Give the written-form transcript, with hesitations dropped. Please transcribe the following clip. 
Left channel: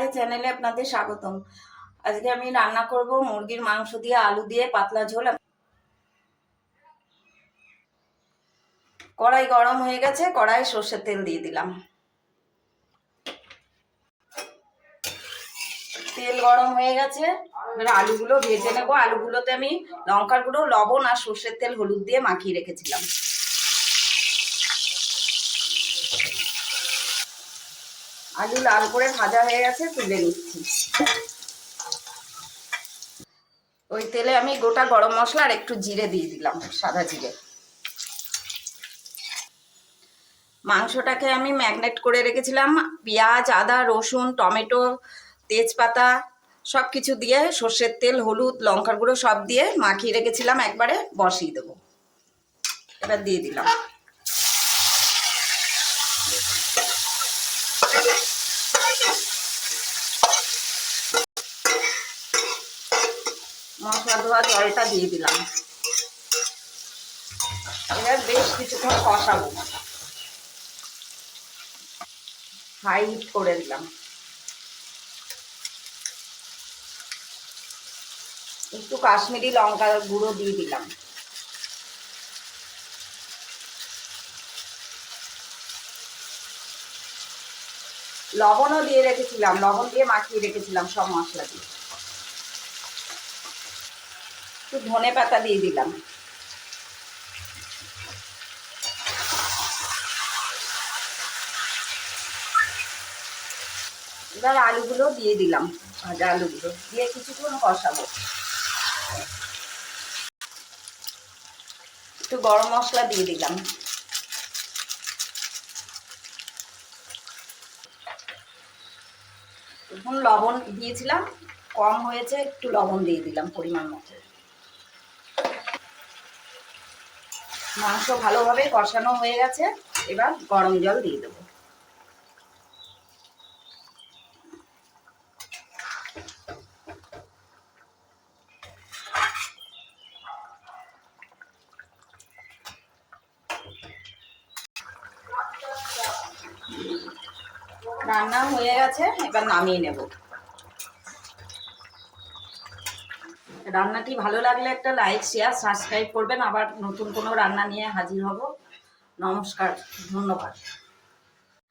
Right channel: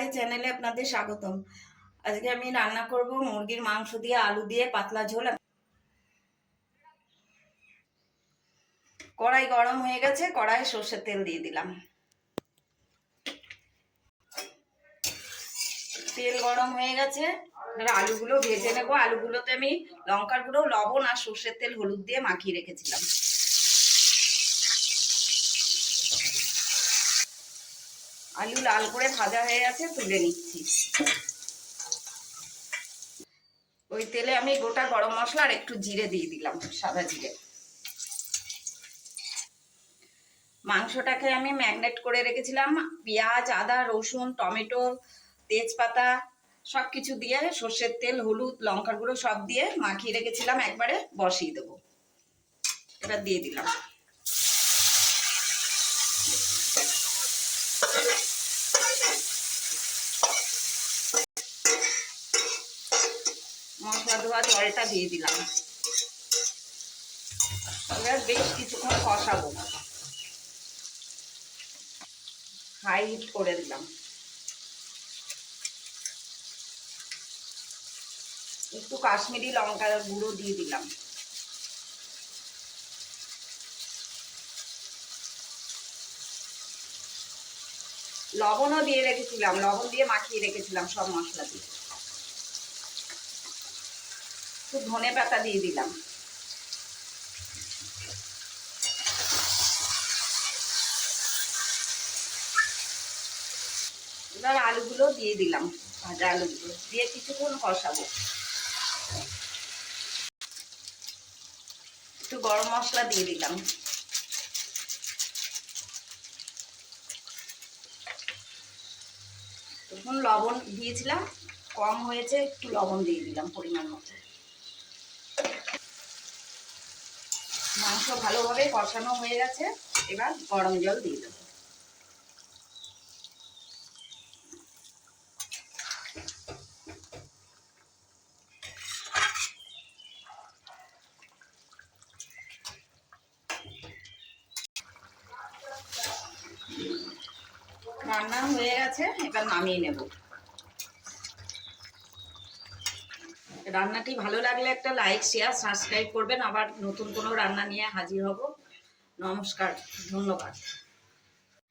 পাহাড়ে চ্যানেলে আপনাদের স্বাগতম। আজকে আমি রান্না করব মুরগির মাংস দিয়ে আলু দিয়ে পাতলা ঝোল। কড়াই গরম হয়ে গেছে, কড়াই সর্ষের তেল দিয়ে দিলাম। তেল গরম হয়ে গেছে, এবার আলুগুলো ভেজে নেব। আলুগুলোতে আমি লঙ্কার গুঁড়ো, লবণ আর সর্ষের তেল, হলুদ দিয়ে মাখিয়ে রেখেছিলাম। আলু লাল করে ভাজা হয়ে গেছে, তুলে নিচ্ছি। ওই তেলে আমি গোটা গরম মশলা আর একটু জিরে দিয়ে দিলাম, সাদা জিরে। মাংসটাকে আমি ম্যাগনেট করে রেখেছিলাম, পেঁয়াজ, আদা, রসুন, টমেটো, তেজপাতা সব কিছু দিয়ে, সর্ষের তেল, হলুদ, লঙ্কার গুঁড়ো সব দিয়ে মাখিয়ে রেখেছিলাম। একবারে বসিয়ে দেবো। এবার দিয়ে দিলাম। মশলা ধোয়া জলটা দিয়ে দিলাম। এবার বেশ কিছুক্ষণ কষাবো। হাই হিট করে দিলাম। একটু কাশ্মীরি লঙ্কার গুঁড়ো দিয়ে দিলাম। লবণও দিয়ে রেখেছিলাম, লবণ দিয়ে মাখিয়ে রেখেছিলাম সব মশলা দিয়ে। একটু ধনে পাতা দিয়ে দিলাম। এবার আলুগুলো দিয়ে দিলাম, ভাজা আলুগুলো দিয়ে কিছুক্ষণ কষাবো। একটু গরম মশলা দিয়ে দিলাম। এখন লবণ দিয়েছিলাম, কম হয়েছে, একটু লবণ দিয়ে দিলাম পরিমাণ মতো। মাংস ভালোভাবে কষানো হয়ে গেছে, এবার গরম জল দিয়ে দেবো। রান্না হয়ে গেছে, এবার নামিয়ে নেব। রান্নাটি ভালো লাগলে একটা লাইক, শেয়ার, সাবস্ক্রাইব করবেন। আবার নতুন কোনো রান্না নিয়ে হাজির হব। নমস্কার, ধন্যবাদ।